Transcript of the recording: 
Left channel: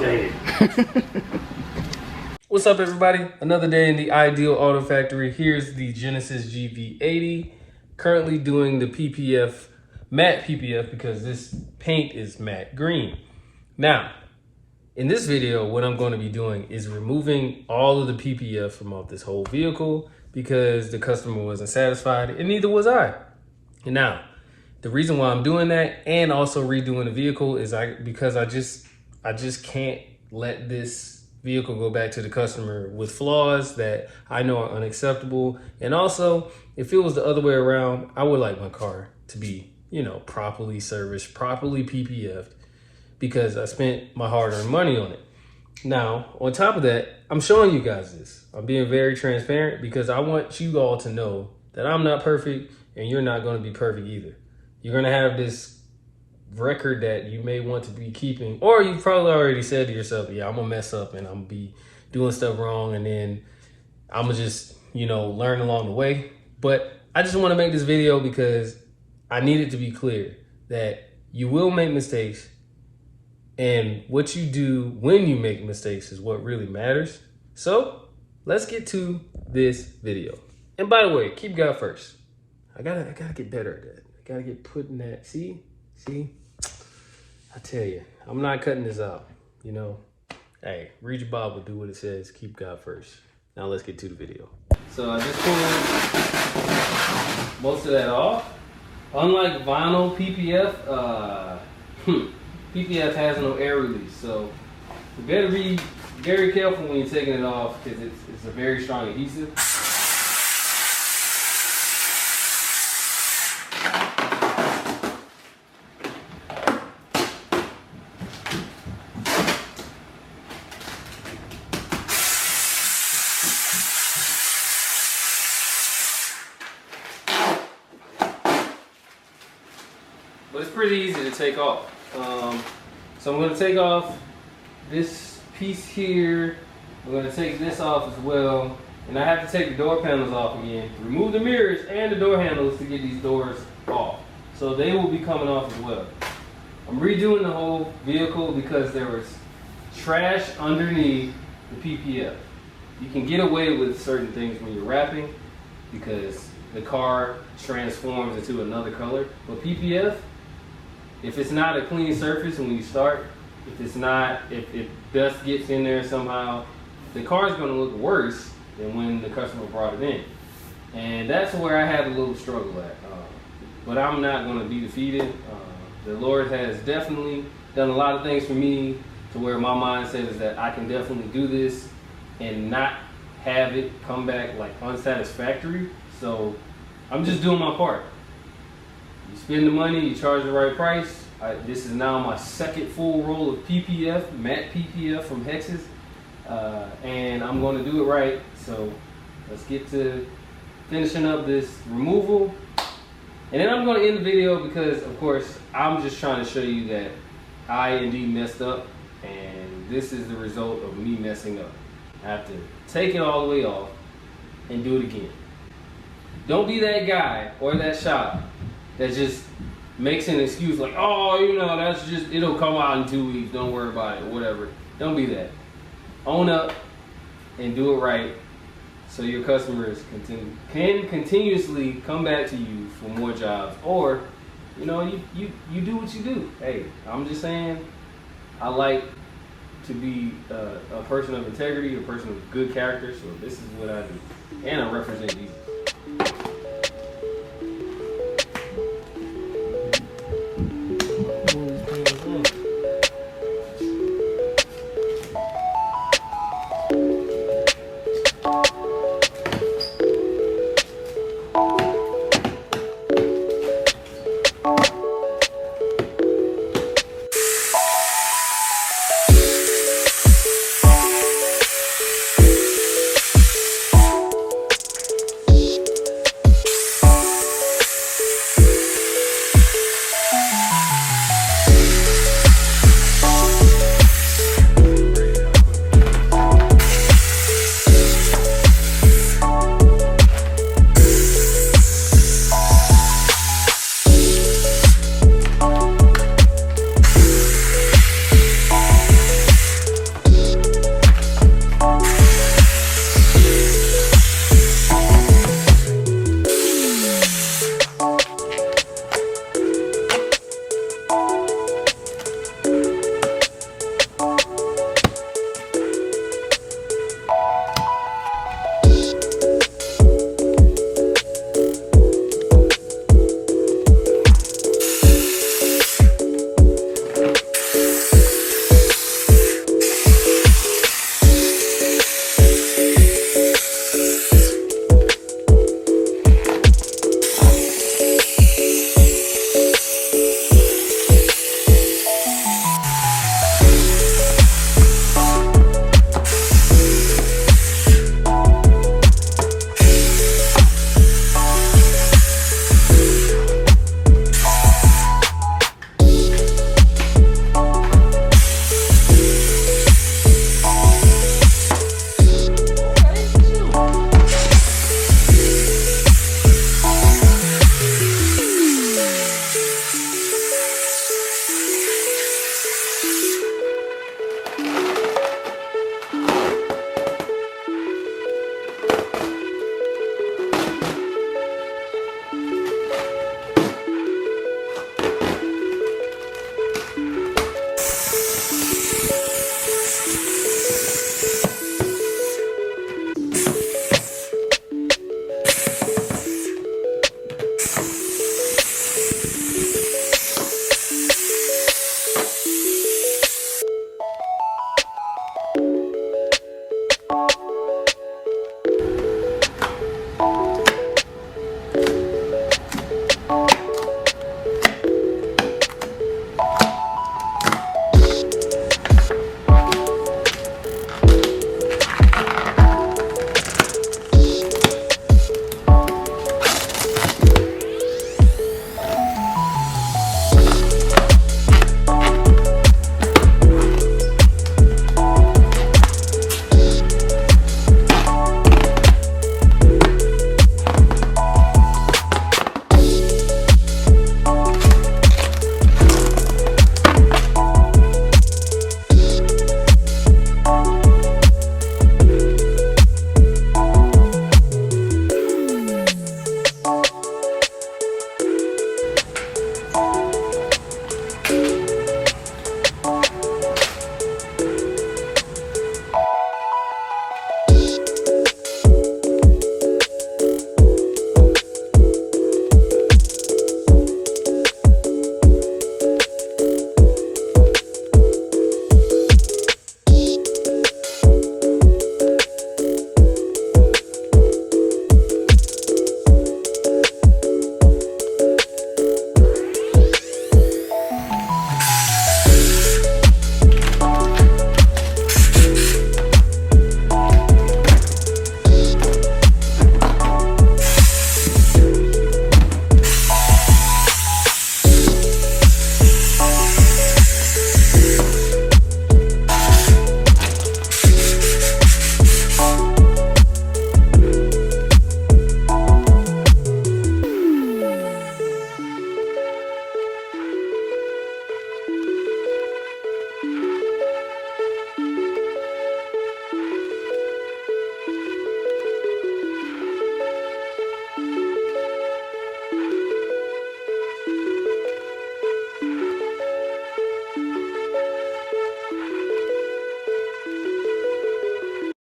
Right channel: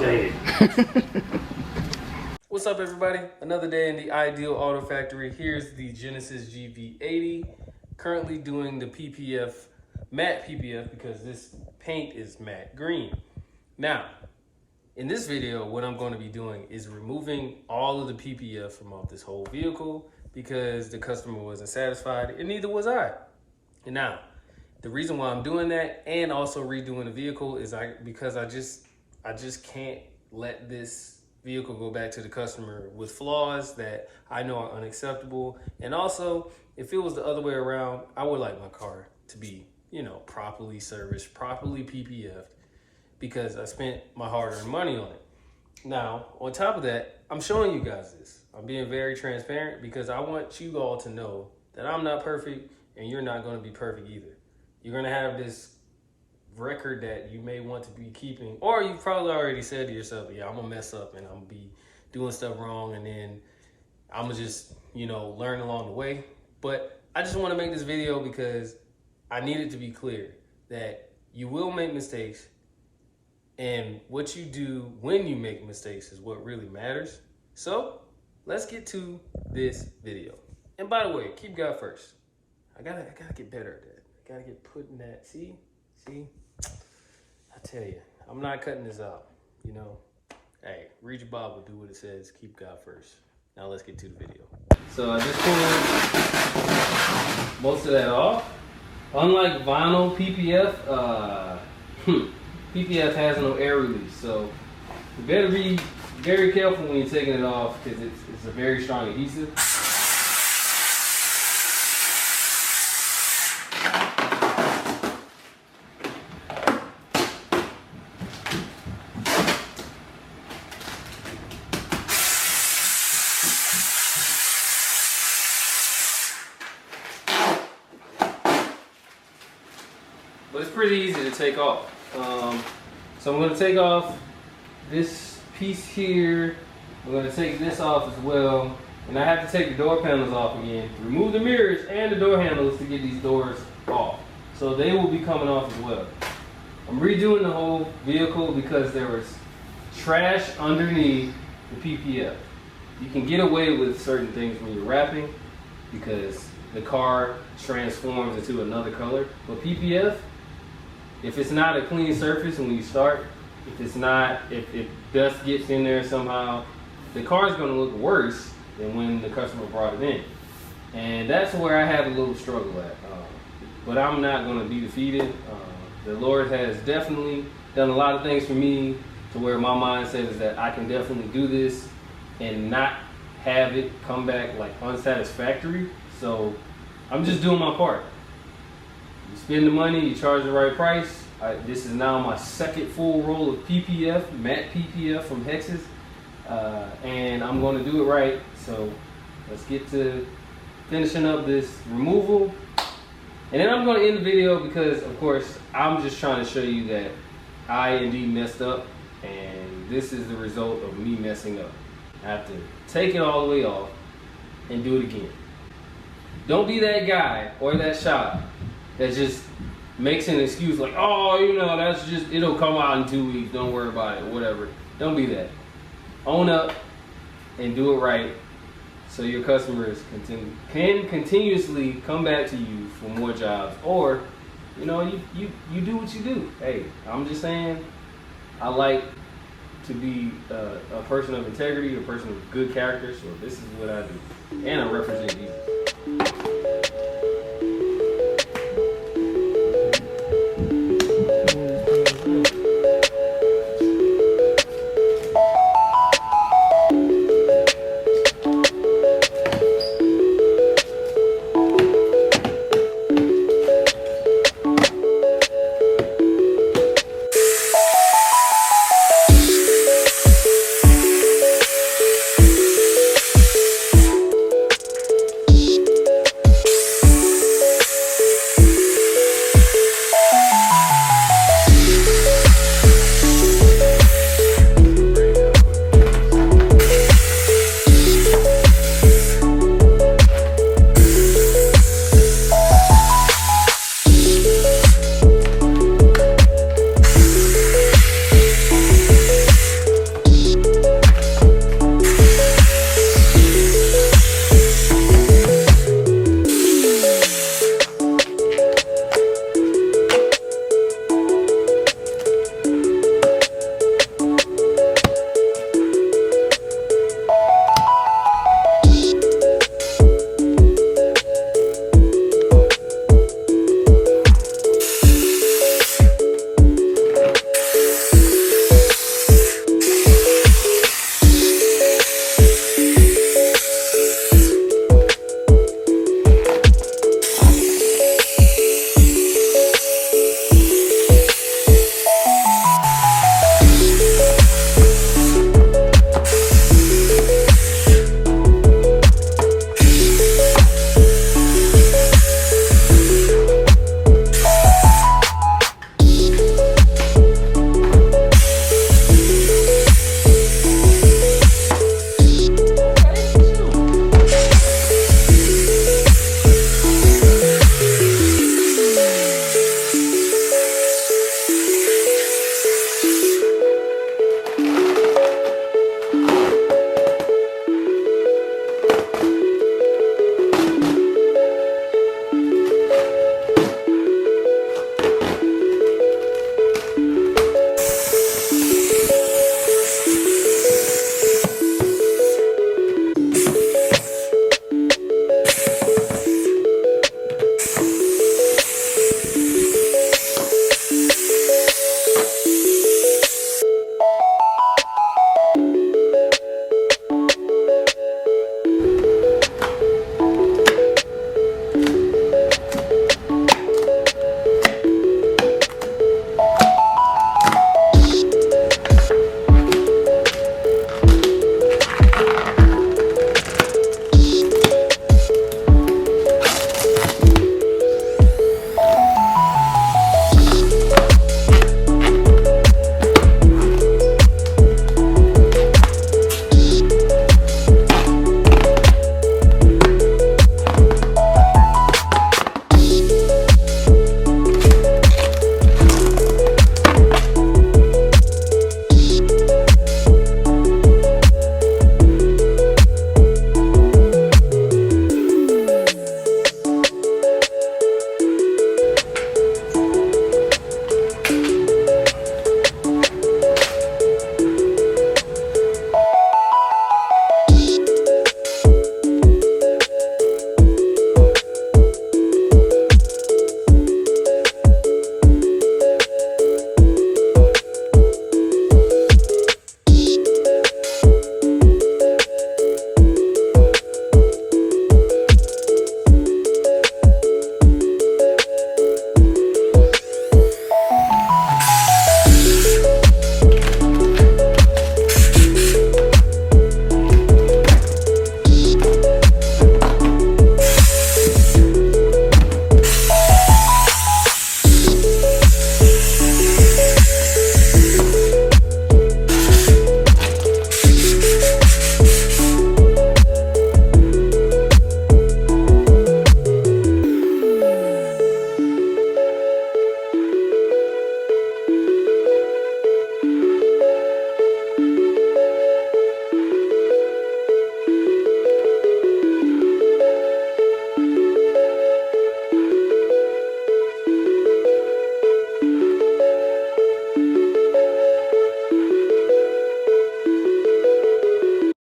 dang it. What's up, everybody? Another day in the Ideal Auto Factory. Here's the Genesis GV80. Currently doing the PPF, matte PPF, because this paint is matte green. Now, in this video, what I'm going to be doing is removing all of the PPF from off this whole vehicle because the customer wasn't satisfied and neither was I. And now, the reason why I'm doing that and also redoing the vehicle is because I just can't let this vehicle go back to the customer with flaws that I know are unacceptable. And also, if it was the other way around, I would like my car to be, properly serviced, properly PPF'd, because I spent my hard-earned money on it. Now, on top of that, I'm showing you guys this. I'm being very transparent because I want you all to know that I'm not perfect and you're not going to be perfect either. You're going to have this record that you may want to be keeping, or you probably already said to yourself, yeah, I'm gonna mess up and I'm gonna be doing stuff wrong, and then I'm gonna just learn along the way. But I just want to make this video because I need it to be clear that you will make mistakes, and what you do when you make mistakes is what really matters. So let's get to this video. And by the way, keep God first. I gotta get better at that. I gotta get putting that, see, I tell you, I'm not cutting this out, Hey, read your Bible, do what it says, keep God first. Now let's get to the video. So I just pulled most of that off. Unlike vinyl PPF, PPF has no air release, so you better be very careful when you're taking it off because it's a very strong adhesive. But it's pretty easy to take off. So I'm going to take off this piece here. I'm going to take this off as well. And I have to take the door panels off again. Remove the mirrors and the door handles to get these doors off. So they will be coming off as well. I'm redoing the whole vehicle because there was trash underneath the PPF. You can get away with certain things when you're wrapping because the car transforms into another color. But PPF, if it's not a clean surface when you start, if dust gets in there somehow, the car is going to look worse than when the customer brought it in. And that's where I had a little struggle at. But I'm not going to be defeated. The Lord has definitely done a lot of things for me to where my mindset is that I can definitely do this and not have it come back like unsatisfactory. So I'm just doing my part. You spend the money, you charge the right price. This is now my second full roll of PPF, matte PPF from Hex's, and I'm going to do it right. So let's get to finishing up this removal. And then I'm going to end the video because, of course, I'm just trying to show you that I indeed messed up, and this is the result of me messing up. I have to take it all the way off and do it again. Don't be that guy or that shop that just makes an excuse like, oh, that's just, it'll come out in 2 weeks, don't worry about it, whatever. Don't be that. Own up and do it right so your customers can continuously come back to you for more jobs, or, you do what you do. Hey, I'm just saying, I like to be a person of integrity, a person of good character, so this is what I do. And I represent Jesus.